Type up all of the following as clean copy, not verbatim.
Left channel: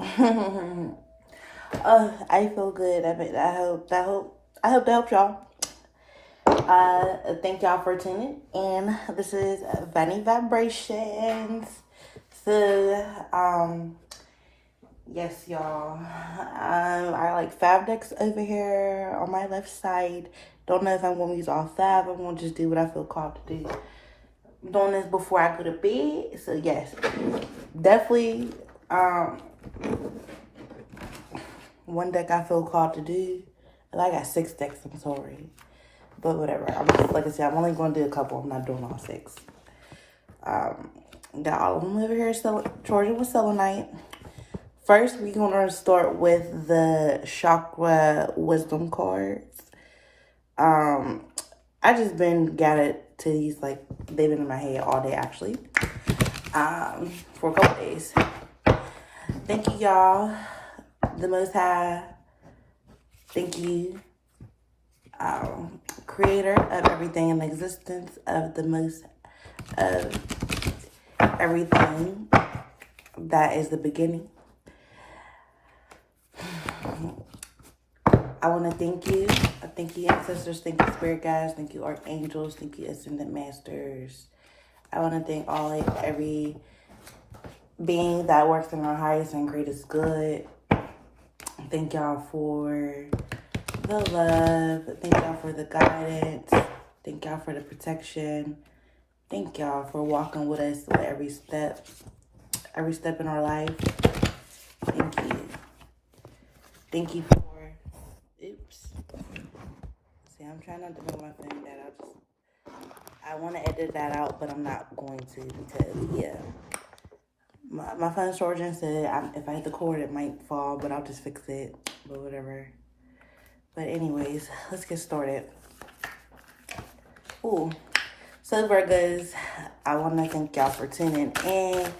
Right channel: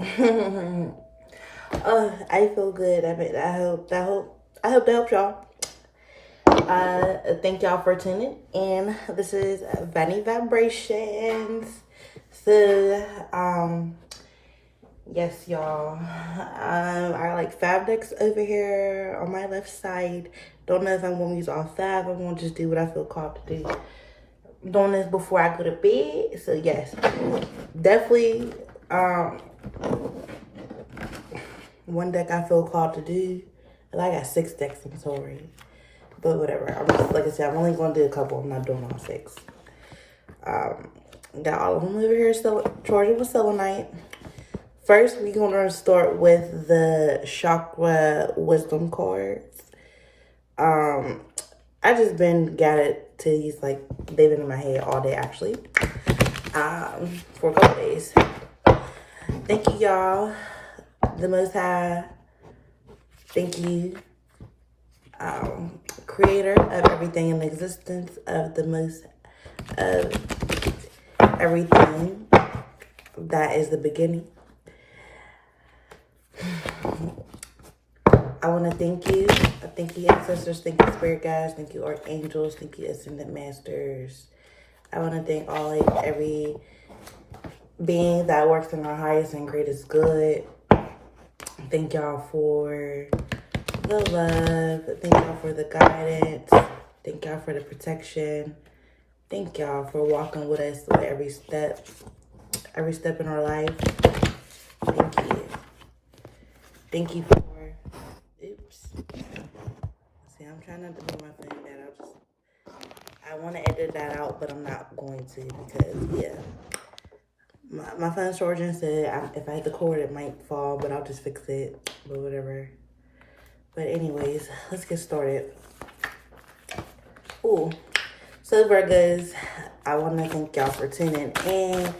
I feel good. I hope to help y'all. Thank y'all for tuning in. This is Vanny Vibrations. So, yes, y'all. I like 5 decks over here on my left side. Don't know if I'm gonna use all 5. I'm gonna just do what I feel called to do. I'm doing this before I go to bed. So yes, definitely. One deck I feel called to do. And I got 6 decks, I'm sorry. But whatever. Like I said, I'm only going to do a couple. I'm not doing all 6. Got all of them over here. So Georgia was selenite. First, we're going to start with the Chakra Wisdom cards. I just been got it to these, like, they've been in my head all day, actually. For a couple days. Thank you, y'all. The Most High. Thank you. Creator of everything in existence, of the most of everything that is the beginning. I want to thank you. Thank you, ancestors. Thank you, spirit guides. Thank you, archangels. Thank you, ascended masters. I want to thank every being that works in our highest and greatest good. Thank y'all for the love. Thank y'all for the guidance. Thank y'all for the protection. Thank y'all for walking with us with every step in our life. Thank you. Thank you for, oops. See, I'm trying not to move my phone that. I want to edit that out, but I'm not going to because, yeah. My phone's charging, said if I hit the cord, it might fall, but I'll just fix it, but whatever. But anyways, let's get started. Ooh. So Virgos, I want to thank y'all for tuning in.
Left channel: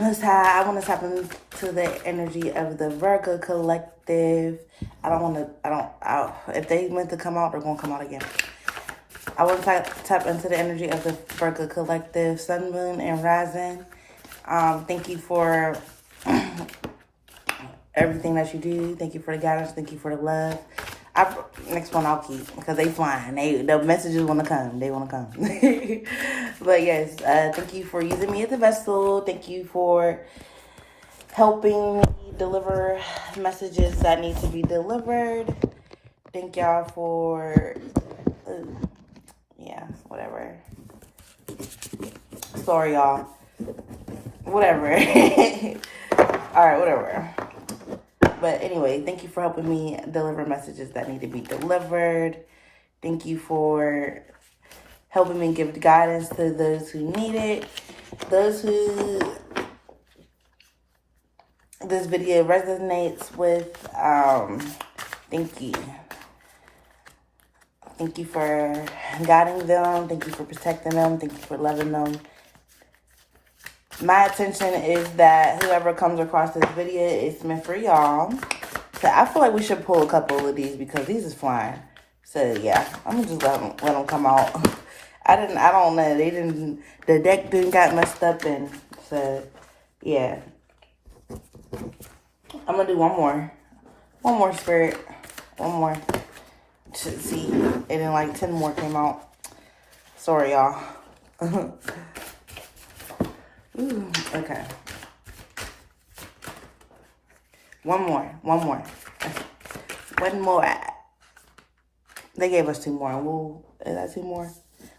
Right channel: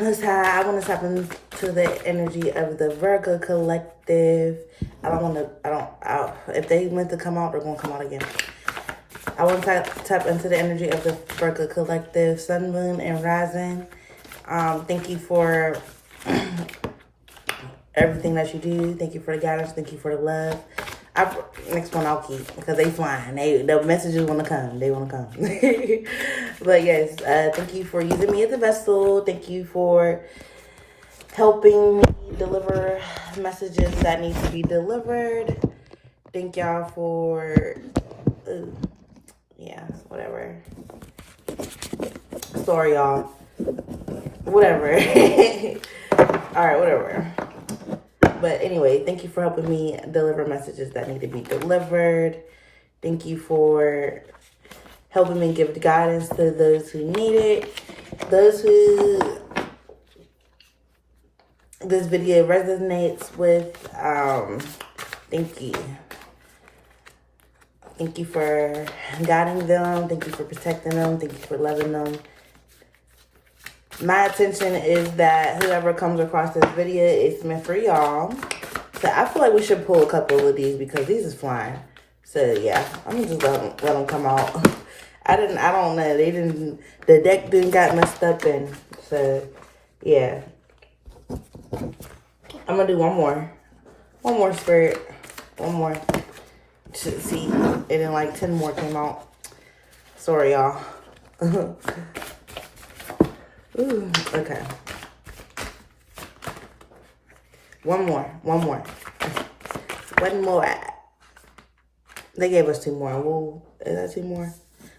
Most High, I want to tap into the energy of the Virgo collective. If they meant to come out, they're going to come out again. I want to tap into the energy of the Virgo collective, sun, moon, and rising. Thank you for everything that you do. Thank you for the guidance. Thank you for the love. Next one I'll keep because they flying. The messages want to come. They want to come. But yes, thank you for using me as a vessel. Thank you for helping me deliver messages that need to be delivered. Thank y'all for, yeah, whatever. Sorry, y'all. Whatever. All right, whatever. But anyway, thank you for helping me deliver messages that need to be delivered. Thank you for helping me give the guidance to those who need it. Those who this video resonates with, thank you. Thank you for guiding them. Thank you for protecting them. Thank you for loving them. My intention is that whoever comes across this video is meant for y'all. So I feel like we should pull a couple of these because these is flying. So yeah, I'm just let them come out. I don't know. The deck didn't got messed up, and so yeah. I'm gonna do one more spirit, one more. See, and then like 10 more came out. Sorry, y'all. Ooh, okay. One more. They gave us 2 more. Is that 2 more?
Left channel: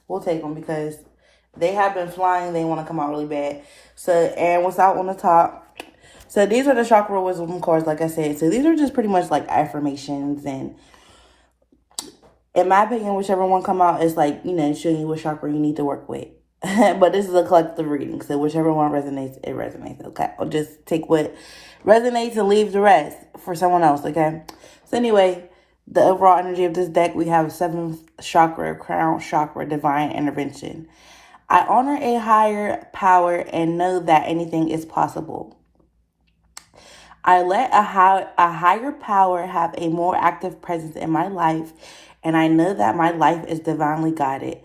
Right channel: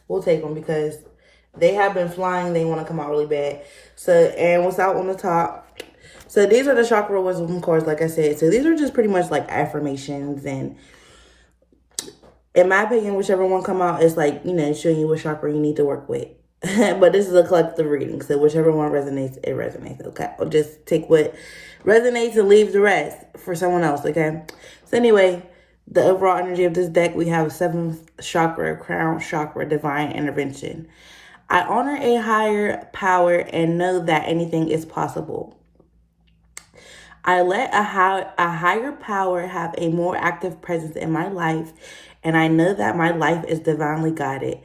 We'll take them because they have been flying. They want to come out really bad. So, and what's out on the top? So these are the Chakra Wisdom cards, like I said. So these are just pretty much like affirmations, and in my opinion, whichever one come out is like, showing you what chakra you need to work with. But this is a collective reading, so whichever one resonates, it resonates, okay? I'll just take what resonates and leave the rest for someone else, okay? So anyway, the overall energy of this deck, we have 7th chakra, crown chakra, divine intervention. I honor a higher power and know that anything is possible. I let a higher power have a more active presence in my life, and I know that my life is divinely guided.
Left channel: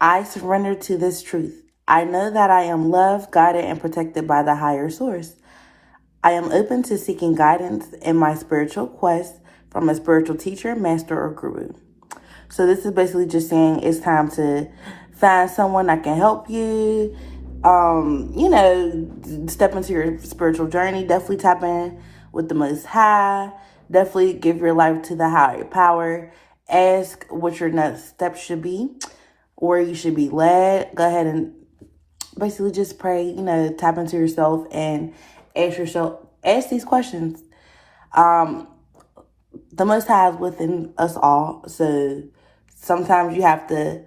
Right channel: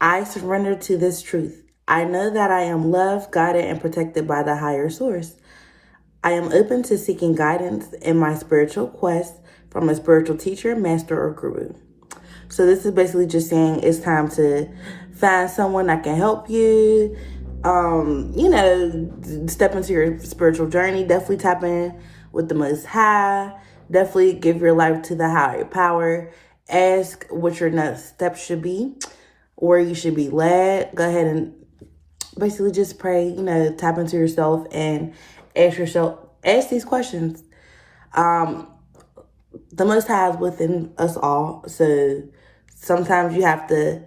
I surrender to this truth. I know that I am loved, guided, and protected by the higher source. I am open to seeking guidance in my spiritual quest from a spiritual teacher, master, or guru. So this is basically just saying it's time to find someone that can help you, step into your spiritual journey. Definitely tap in with the Most High. Definitely give your life to the higher power. Ask what your next steps should be, where you should be led. Go ahead and basically just pray, tap into yourself and ask these questions. The Most High is within us all. So sometimes you have to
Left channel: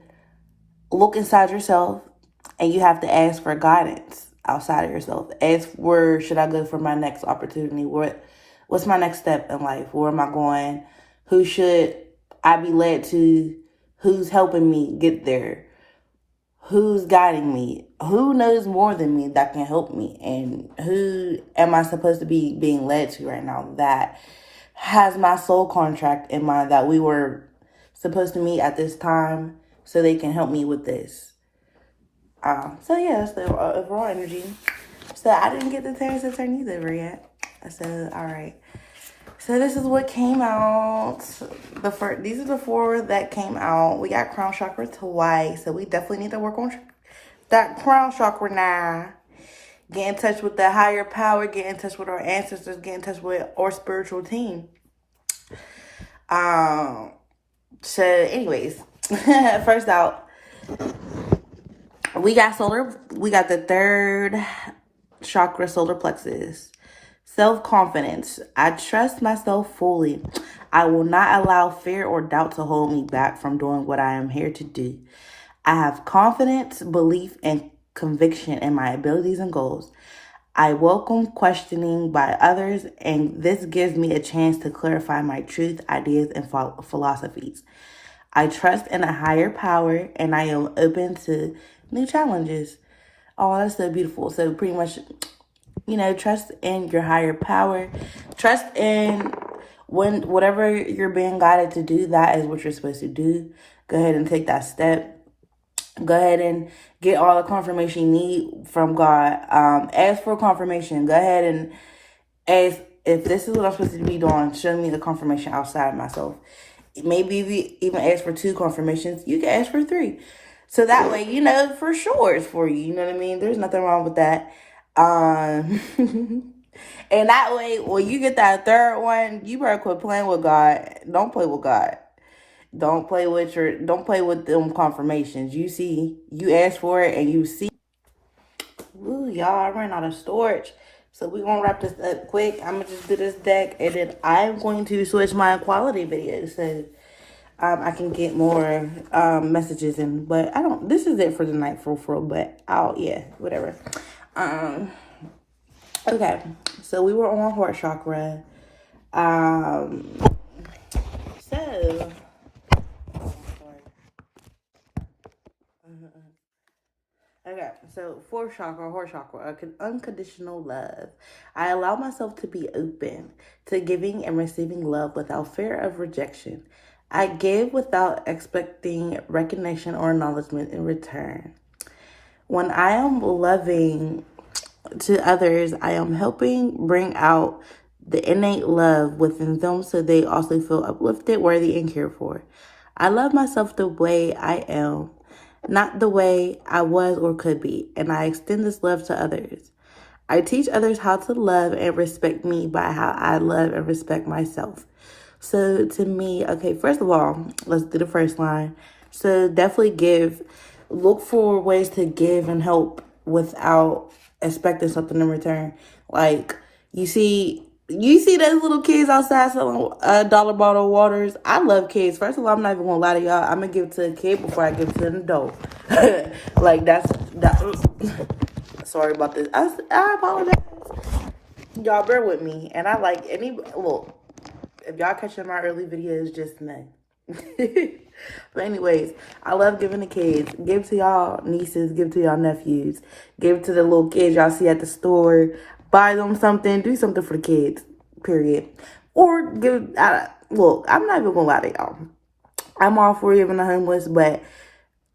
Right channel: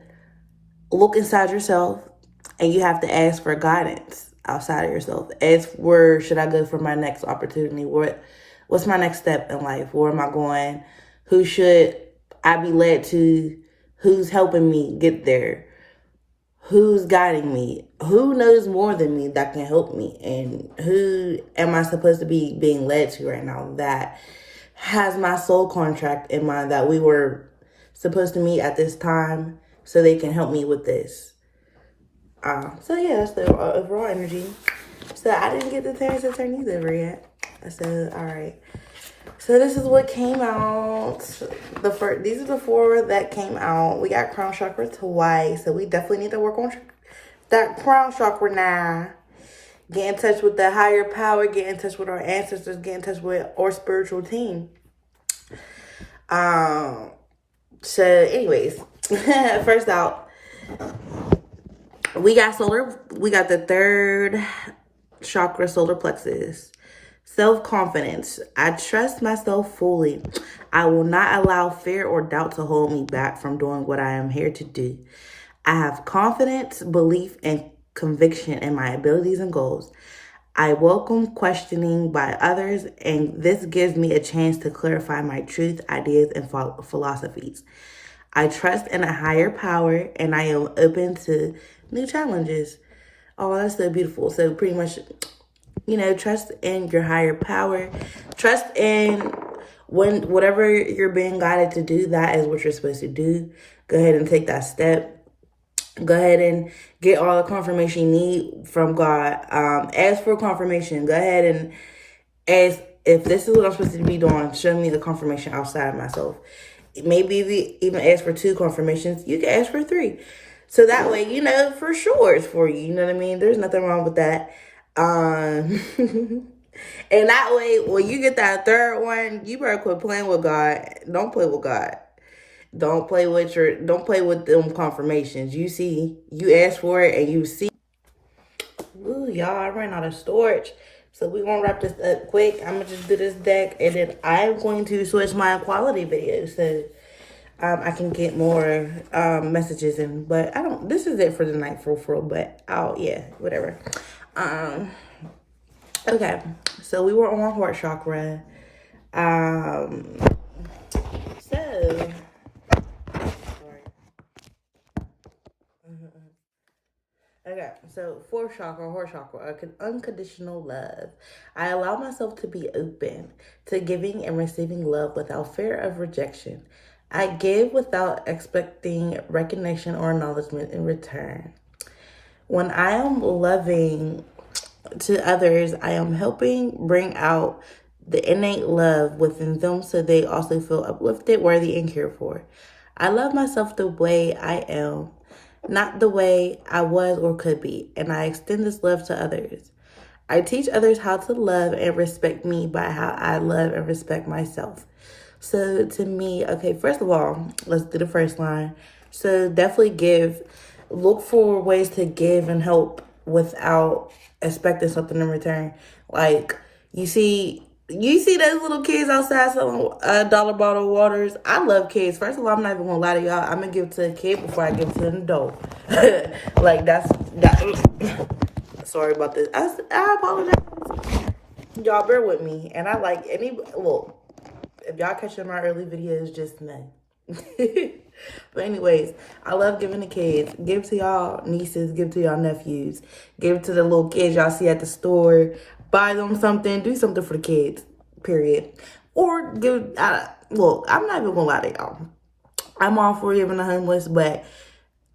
look inside yourself and you have to ask for guidance outside of yourself. Ask, where should I go for my next opportunity? What's my next step in life? Where am I going? Who should I be led to? Who's helping me get there? Who's guiding me? Who knows more than me that can help me? And who am I supposed to be being led to right now that has my soul contract in mind, that we were supposed to meet at this time so they can help me with this? So yeah, that's the overall energy. So I didn't get the turns to turn these over yet. So, all right. So this is what came out. These are the four that came out. We got crown chakra twice. So we definitely need to work on that crown chakra now. Get in touch with that higher power. Get in touch with our ancestors. Get in touch with our spiritual team. So anyways, first out, we got the third chakra, solar plexus. Self-confidence. I trust myself fully. I will not allow fear or doubt to hold me back from doing what I am here to do. I have confidence, belief, and conviction in my abilities and goals. I welcome questioning by others, and this gives me a chance to clarify my truth, ideas, and philosophies. I trust in a higher power, and I am open to new challenges. Oh, that's so beautiful. So pretty much, trust in your higher power. Trust in whatever you're being guided to do, that is what you're supposed to do. Go ahead and take that step. Go ahead and get all the confirmation you need from God. Ask for confirmation. Go ahead and ask, if this is what I'm supposed to be doing, show me the confirmation outside of myself. Maybe if you even ask for 2 confirmations, you can ask for 3. So that way, for sure it's for you. You know what I mean? There's nothing wrong with that. And that way, when you get that third one, you better quit playing with God. Don't play with God. Don't play with them confirmations. You ask for it and you see. Ooh, y'all, I ran out of storage. So we're going to wrap this up quick. I'm going to just do this deck, and then I'm going to switch my quality videos so I can get more messages in. But this is it for the night for real, but whatever. Okay, so we were on heart chakra. So fourth chakra, heart chakra, unconditional love. I allow myself to be open to giving and receiving love without fear of rejection. I give without expecting recognition or acknowledgement in return. When I am loving to others, I am helping bring out the innate love within them so they also feel uplifted, worthy, and cared for. I love myself the way I am, not the way I was or could be, and I extend this love to others. I teach others how to love and respect me by how I love and respect myself. So to me, okay, first of all, let's do the first line. So definitely look for ways to give and help without expecting something in return. Like, you see those little kids outside selling dollar bottle waters. I love kids. First of all, I'm not even gonna lie to y'all. I'm gonna give it to a kid before I give it to an adult. Like, that. Sorry about this. I apologize. Y'all bear with me. And I like look, if y'all catching my early videos, just know. But anyways, I love giving to kids. Give to y'all nieces, give to y'all nephews, give to the little kids y'all see at the store. Buy them something, do something for the kids, period. Or look, I'm not even gonna lie to y'all. I'm all for giving the homeless, but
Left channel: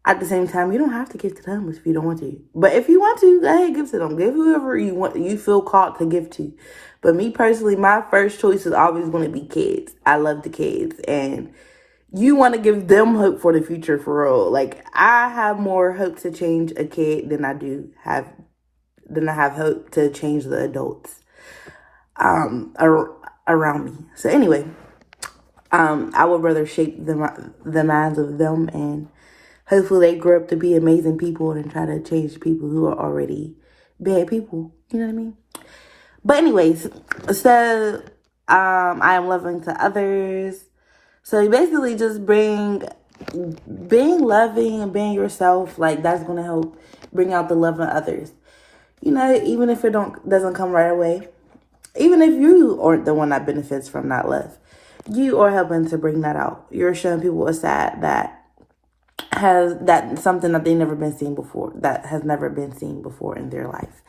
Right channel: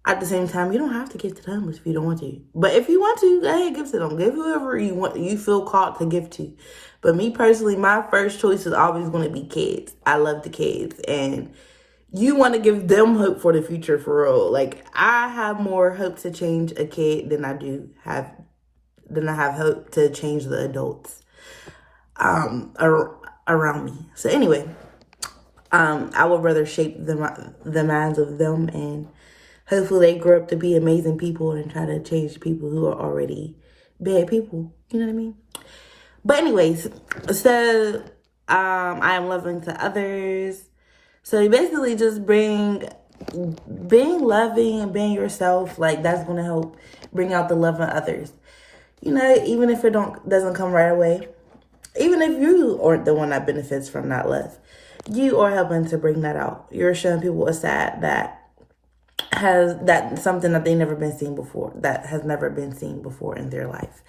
at the same time, you don't have to give to the homeless if you don't want to. But if you want to, go ahead, give to them. Give whoever you feel called to give to. But me personally, my first choice is always going to be kids. I love the kids. And you want to give them hope for the future, for real. Like, I have more hope to change a kid than I have hope to change the adults around me. So anyway, I would rather shape the minds of them, and hopefully they grow up to be amazing people and try to change people who are already bad people. You know what I mean? But anyways, so I am loving to others. So you basically just being loving and being yourself, like, that's going to help bring out the love in others. You know, even if it doesn't come right away, even if you aren't the one that benefits from that love, you are helping to bring that out. You're showing people a side that something that they've never been seen before, that has never been seen before in their life.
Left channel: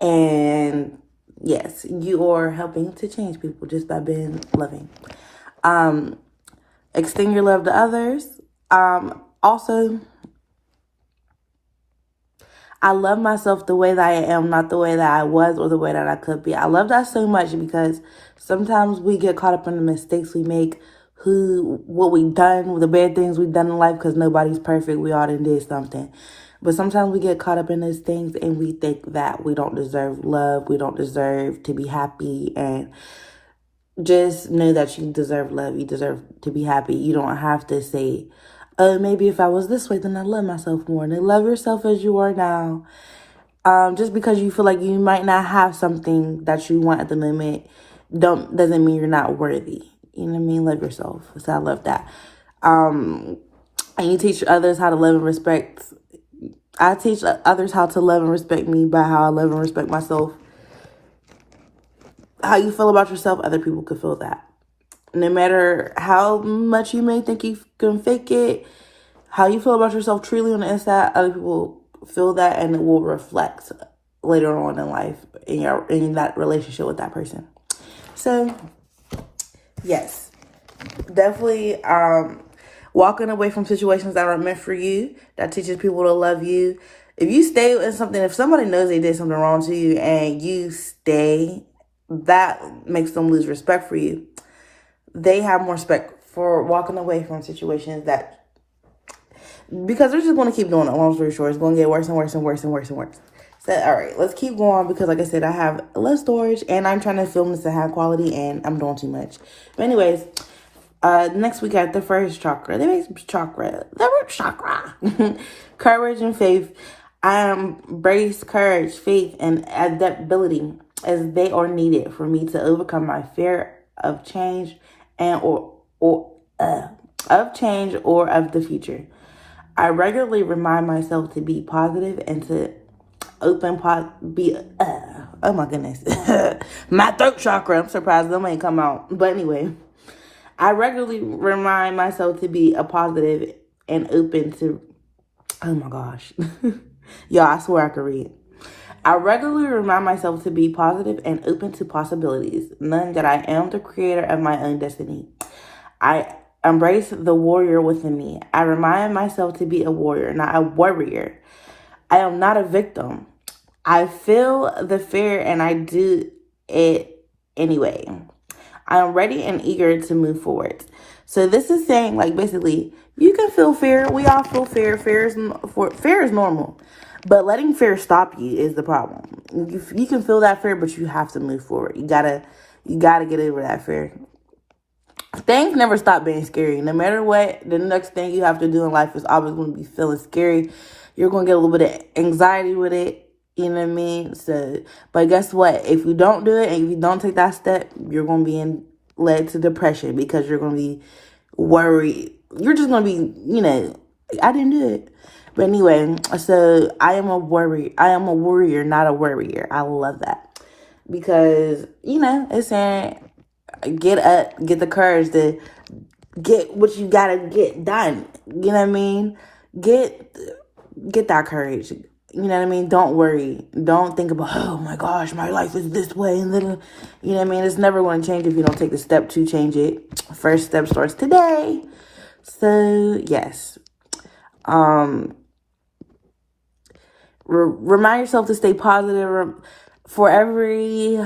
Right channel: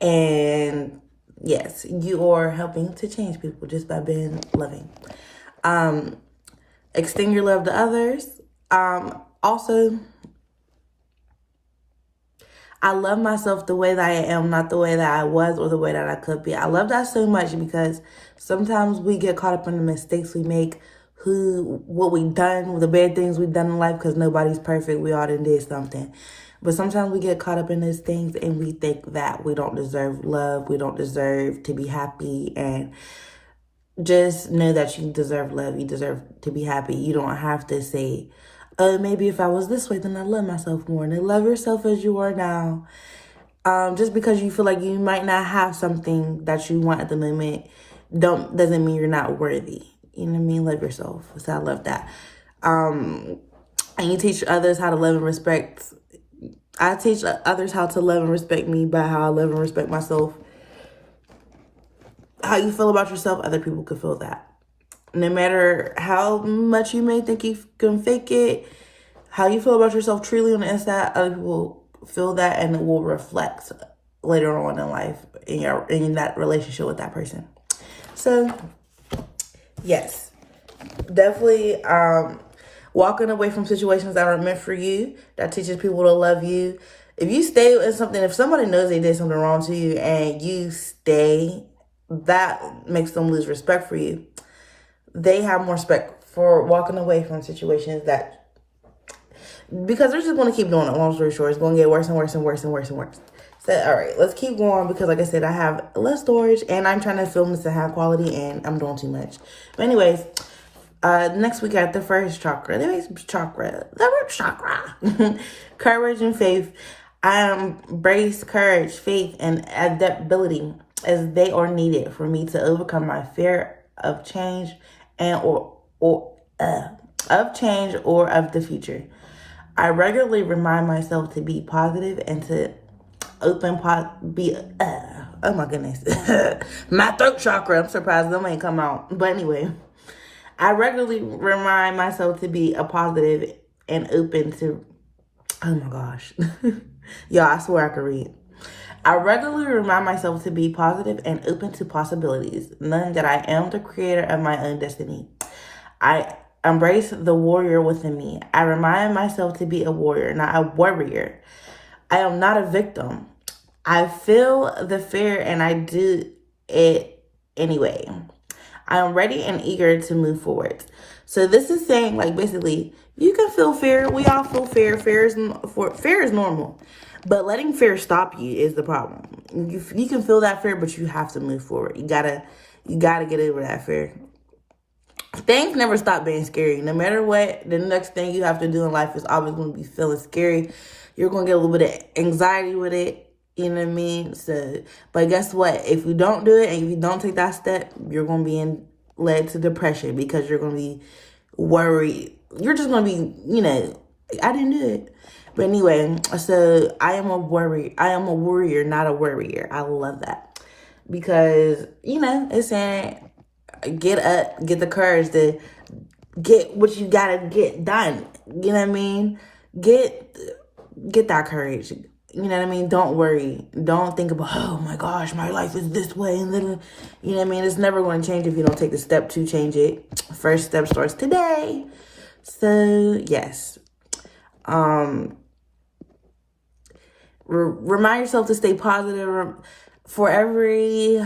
And yes, you are helping to change people just by being loving. Extend your love to others. Also, I love myself the way that I am, not the way that I was or the way that I could be. I love that so much because sometimes we get caught up in the mistakes we make, what we've done, the bad things we've done in life, because nobody's perfect. We all done did something. But sometimes we get caught up in those things and we think that we don't deserve love. We don't deserve to be happy. And just know that you deserve love. You deserve to be happy. You don't have to say, oh, maybe if I was this way, then I'd love myself more. And love yourself as you are now. Just because you feel like you might not have something that you want at the moment, doesn't mean you're not worthy. You know what I mean? Love yourself. So I love that. And you teach others how to love and respect. I teach others how to love and respect me by how I love and respect myself. How you feel about yourself, other people can feel that. No matter how much you may think you can fake it, how you feel about yourself truly on the inside, other people feel that, and it will reflect later on in life in that relationship with that person. So, yes, definitely walking away from situations that aren't meant for you, that teaches people to love you. If you stay in something, if somebody knows they did something wrong to you and you stay, that makes them lose respect for you. They have more respect for walking away from situations because they're just going to keep doing it. Long story short, it's going to get worse and worse and worse and worse and worse. So, all right, let's keep going because, like I said, I have less storage and I'm trying to film this to have quality and I'm doing too much. But anyways, next week at the first chakra, the root chakra, courage and faith. I embrace courage, faith, and adaptability as they are needed for me to overcome my fear of change or of the future. I regularly remind myself to be positive and to oh my goodness, my throat chakra. I'm surprised them ain't come out. But anyway, I regularly remind myself to be a positive and open to. Oh my gosh, y'all! I swear I could read. I regularly remind myself to be positive and open to possibilities, knowing that I am the creator of my own destiny. I embrace the warrior within me. I remind myself to be a warrior, not a worrier. I am not a victim. I feel the fear and I do it anyway. I am ready and eager to move forward. So this is saying, like, basically, you can feel fear. We all feel fear. Fear is normal. But letting fear stop you is the problem. You can feel that fear, but you have to move forward. You gotta get over that fear. Things never stop being scary. No matter what, the next thing you have to do in life is always going to be feeling scary. You're going to get a little bit of anxiety with it. You know what I mean? So, but guess what? If you don't do it and if you don't take that step, you're going to be led to depression because you're going to be worried. You're just going to be, I didn't do it. But anyway, so I am a warrior, not a worrier. I love that. Because, it's saying get up, get the courage to get what you got to get done. You know what I mean? Get that courage. You know what I mean? Don't worry. Don't think about, oh my gosh, my life is this way. And then, you know what I mean? It's never going to change if you don't take the step to change it. First step starts today. So, yes. Remind yourself to stay positive. For every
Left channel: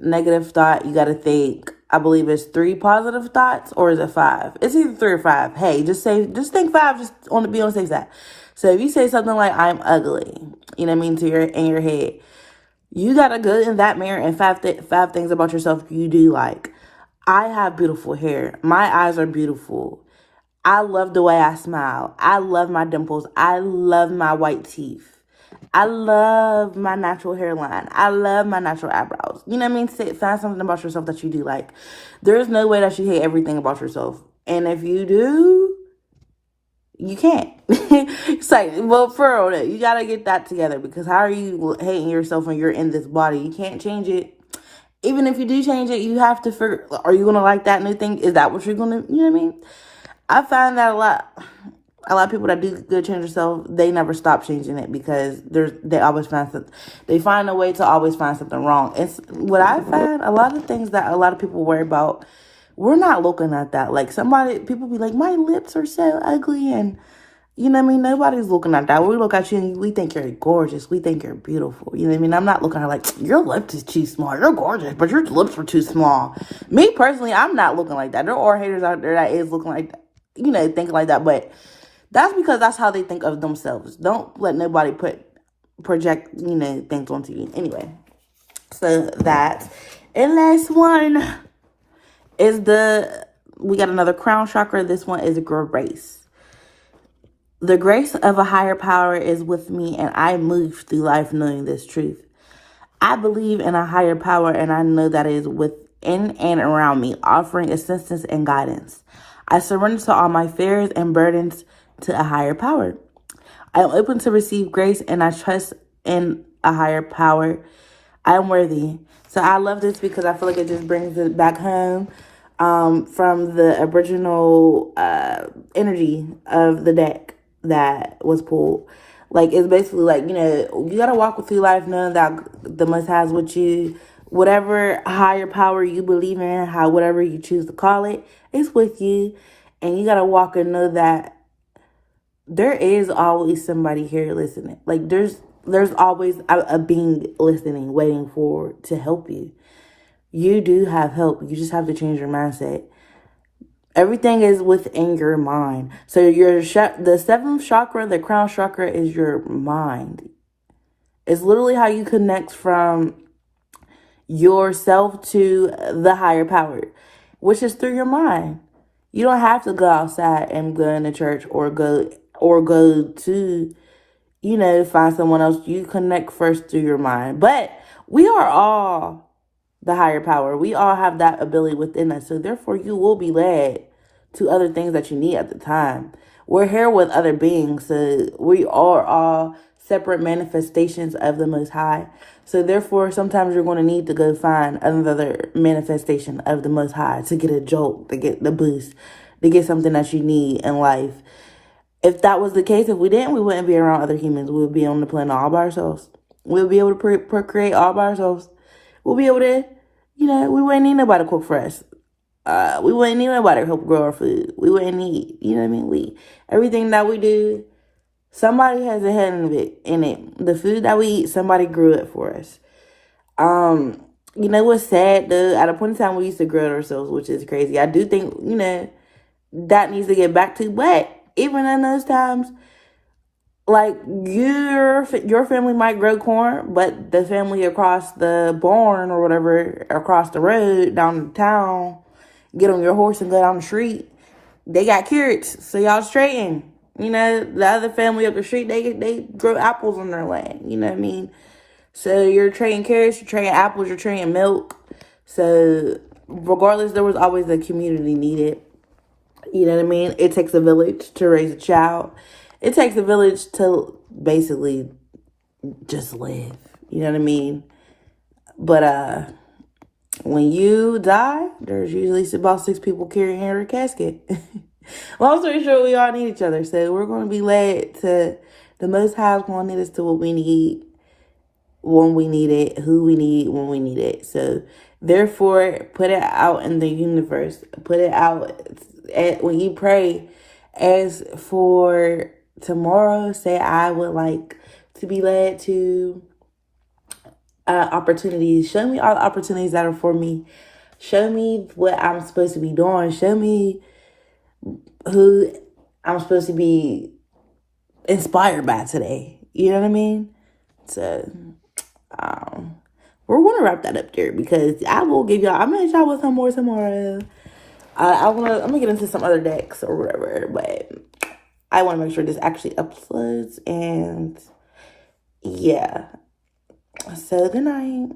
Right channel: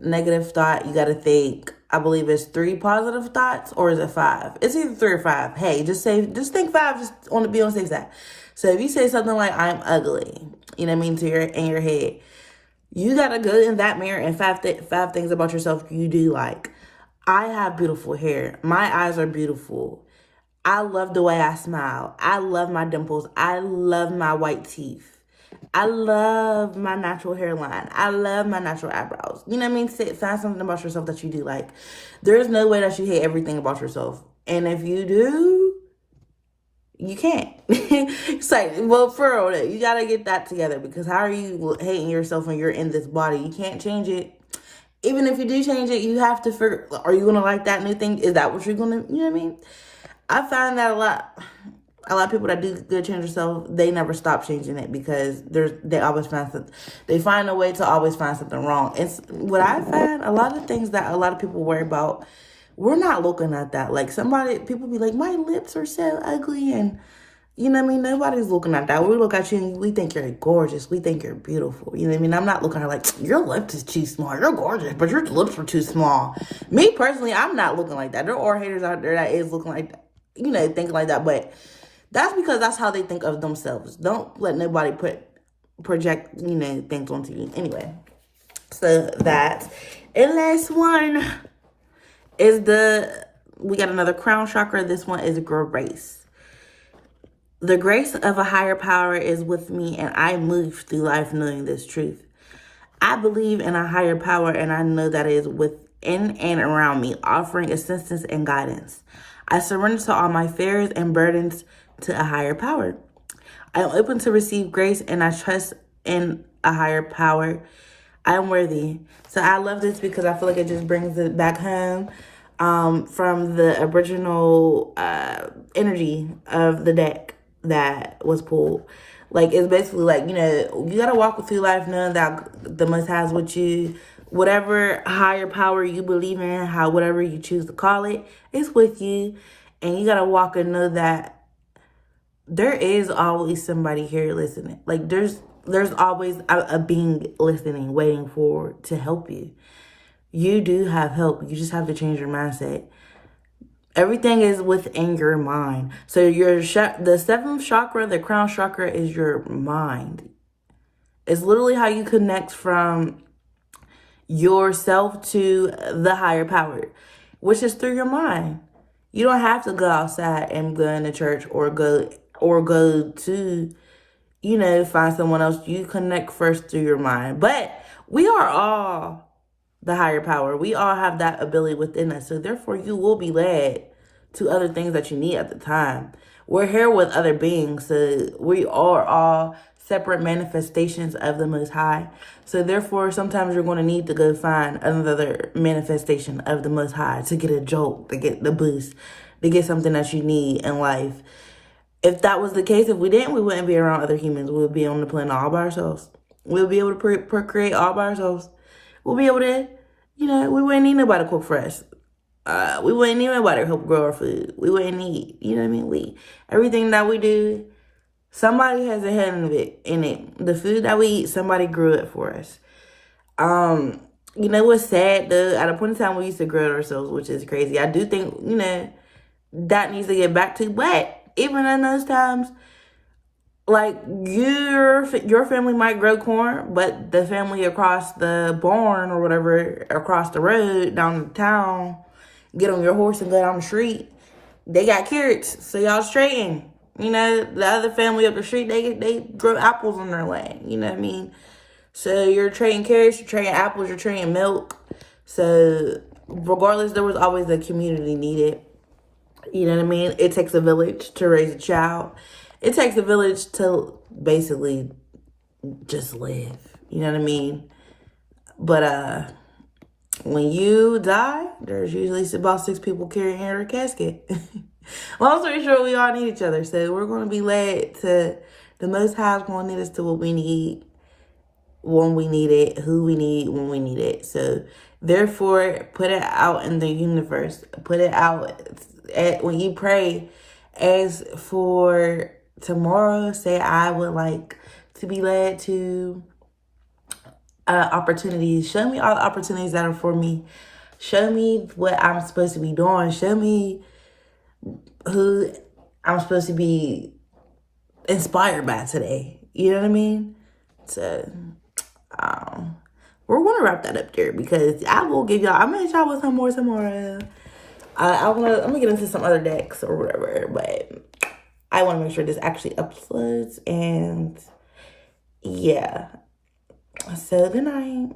negative thought, you got to think, I believe it's 3 positive thoughts, or is it 5? It's either 3 or 5. Hey, just think 5, just on the be on the safe side. So if you say something like, I'm ugly, you know what I mean, in your head, you got to go in that mirror and five things about yourself you do like. I have beautiful hair. My eyes are beautiful. I love the way I smile. I love my dimples. I love my white teeth. I love my natural hairline. I love my natural eyebrows. You know what I mean? Find something about yourself that you do like. There's no way that you hate everything about yourself. And if you do, you can't. It's like, well, for real, you got to get that together, because how are you hating yourself when you're in this body? You can't change it. Even if you do change it, you have to figure, are you going to like that new thing? Is that what you're going to, you know what I mean? I find that a lot of people that do good change themselves, they never stop changing it, because they always find something. They find a way to always find something wrong. It's what I find, a lot of things that a lot of people worry about, we're not looking at that. Like people be like, my lips are so ugly, and you know what I mean? Nobody's looking at that. We look at you and we think you're gorgeous. We think you're beautiful. You know what I mean? I'm not looking at like, your lips is too small. You're gorgeous, but your lips are too small. Me personally, I'm not looking like that. There are haters out there that is looking like that, you know, thinking like that. But that's because that's how they think of themselves. Don't let nobody project, you know, things onto you. Anyway, so that. And last one is we got another crown chakra. This one is grace. The grace of a higher power is with me, and I move through life knowing this truth. I believe in a higher power, and I know that it is within and around me, offering assistance and guidance. I surrender to all my fears and burdens to a higher power. I am open to receive grace, and I trust in a higher power. I am worthy. So I love this because I feel like it just brings it back home from the original energy of the deck that was pulled. Like, it's basically like, you know, you got to walk through life knowing that the Most High is with you. Whatever higher power you believe in, whatever you choose to call it, it's with you. And you got to walk and know that there is always somebody here listening. Like, there's always a being listening, waiting to help you. You do have help. You just have to change your mindset. Everything is within your mind. So the 7th chakra, the crown chakra, is your mind. It's literally how you connect from yourself to the higher power, which is through your mind. You don't have to go outside and go into church or go to, you know, find someone else. You connect first through your mind. But we are all the higher power. We all have that ability within us. So therefore, you will be led to other things that you need at the time. We're here with other beings. So we are all separate manifestations of the Most High. So therefore, sometimes you're going to need to go find another manifestation of the Most High to get a jolt, to get the boost, to get something that you need in life. If that was the case, if we didn't, we wouldn't be around other humans. We would be on the planet all by ourselves. We'll be able to procreate all by ourselves. We'll be able to, you know, we wouldn't need nobody to cook for us. We wouldn't need nobody to help grow our food. We wouldn't need, you know what I mean? Everything that we do, somebody has a hand in it. The food that we eat, somebody grew it for us. You know what's sad though? At a point in time, we used to grow it ourselves, which is crazy. I do think, you know, that needs to get back to. But even in those times, like your family might grow corn, but the family across the barn or whatever, across the road, down the town, get on your horse and go down the street, they got carrots, so y'all straighten. You know, the other family up the street, they grow apples on their land. You know what I mean? So you're trading carrots, you're trading apples, you're trading milk. So regardless, there was always a community needed. You know what I mean? It takes a village to raise a child. It takes a village to basically just live. You know what I mean? But when you die, there's usually about 6 people carrying your casket. Long story short, we all need each other. So we're going to be led to the Most High is going to lead us to what we need when we need it, who we need when we need it. So therefore, put it out in the universe. Put it out when you pray. As for tomorrow, say I would like to be led to opportunities. Show me all the opportunities that are for me. Show me what I'm supposed to be doing. Show me who I'm supposed to be inspired by today. You know what I mean? So, we're going to wrap that up there because I will give y'all, I'm going to hit y'all with some more tomorrow. I'm gonna get into some other decks or whatever, but I want to make sure this actually uploads. And yeah, so good night.